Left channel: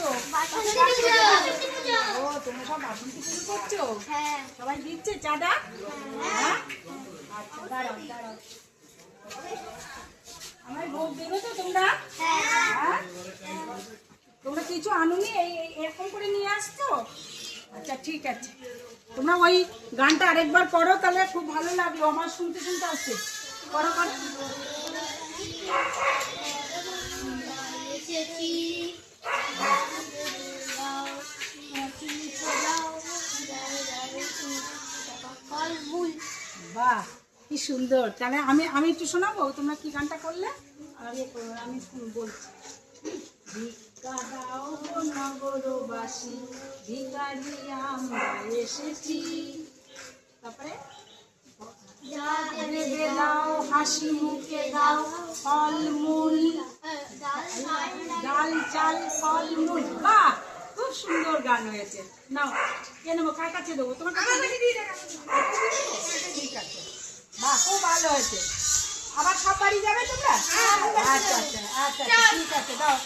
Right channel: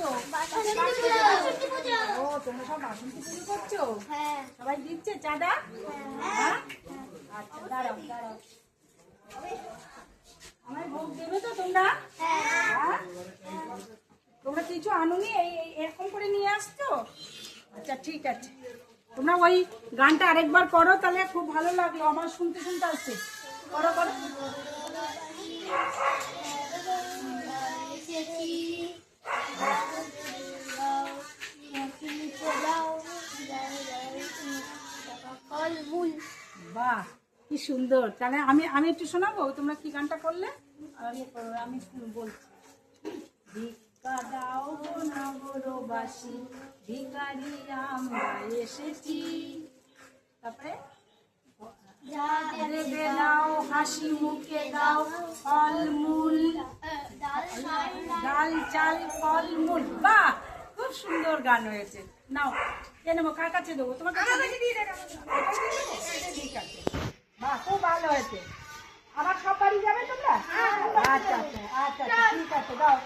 করছো? ও তোমরা সব বাসন্তী পুজো করছো? সবাই দিচ্ছে চাঁদা? হ্যাঁ আচ্ছা দাঁড়াও দাঁড়াও আমার ভোগ দেবে তো তোমরা? হ্যাঁ তোমরা কিছু আনুনি এরকম করে নিয়ে আসছো? আচ্ছা ঠিক আছে তোমরা ওই গানটা আরেকবার করো তাহলে খুব ভালো লাগলো আমার শুনতে শুনতে আসছে করো করো বাহ কি সুন্দর তাহলে আমি আমি একটু শোনাবো তোমরা কি গানটা করলে আমি বলছি ভিক্ষা দাও নগরবাসী ভিখারি আমরা এসেছি তারপরে দাও হাসি মুখে দাও ফলমূল ডাল চাল ফলমূল বাহ খুব সুন্দর গান হয়েছে নাও কে নেবো কার কাছে দেবো তোমার কাছে ঠিক আছে বাহ খুব ভালো হয়েছে আবার সব বাড়ি যাবে তোমরা আচ্ছা আচ্ছা আচ্ছা ঠিক আছে দাও